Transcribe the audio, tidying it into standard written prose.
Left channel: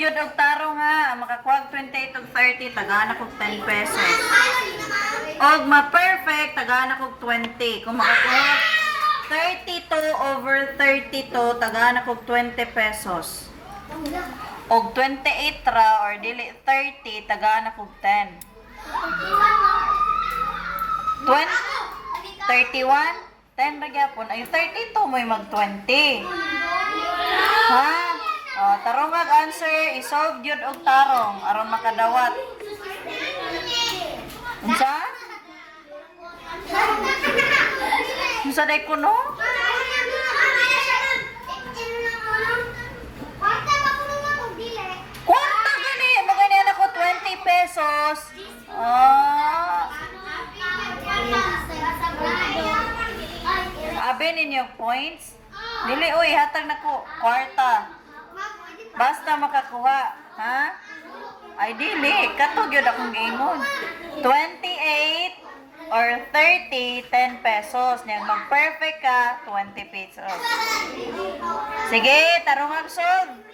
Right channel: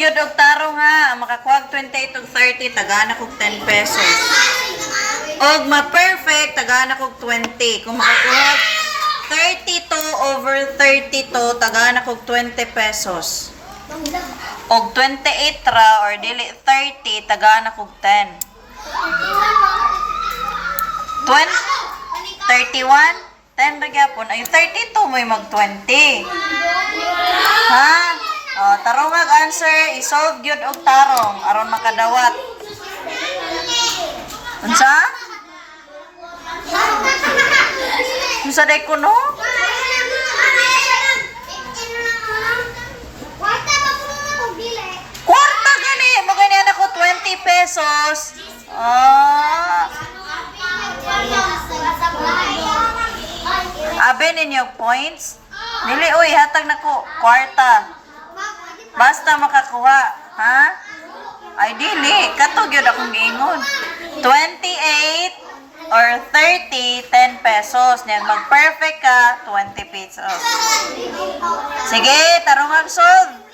gyud og tarong ha, makakuha og 28 og 30 tagana kog 10 pesos. Og ma-perfect tagana kog 20. Kung makakuha 32 over 32 tagana kog 20 pesos. Og 28 ra or dili 30 tagana kog 10. 31 10 ra gyapon ay 32 mo'y mag 20. Ha? Oh, tarong ang answer, isolve gyud og tarong aron makadawat. Unsa? Unsa day kuno? Kwarta gani, magani ako 20 pesos. Ah. Abe ninyo points? Dili uy, hatag nako kwarta. Basta makakuha, ha? Ay dili, katog yun akong giingon. 28 or 30, 10 pesos. Nyan, mag-perfect ka, 20 pesos. Sige, tarong ang solve.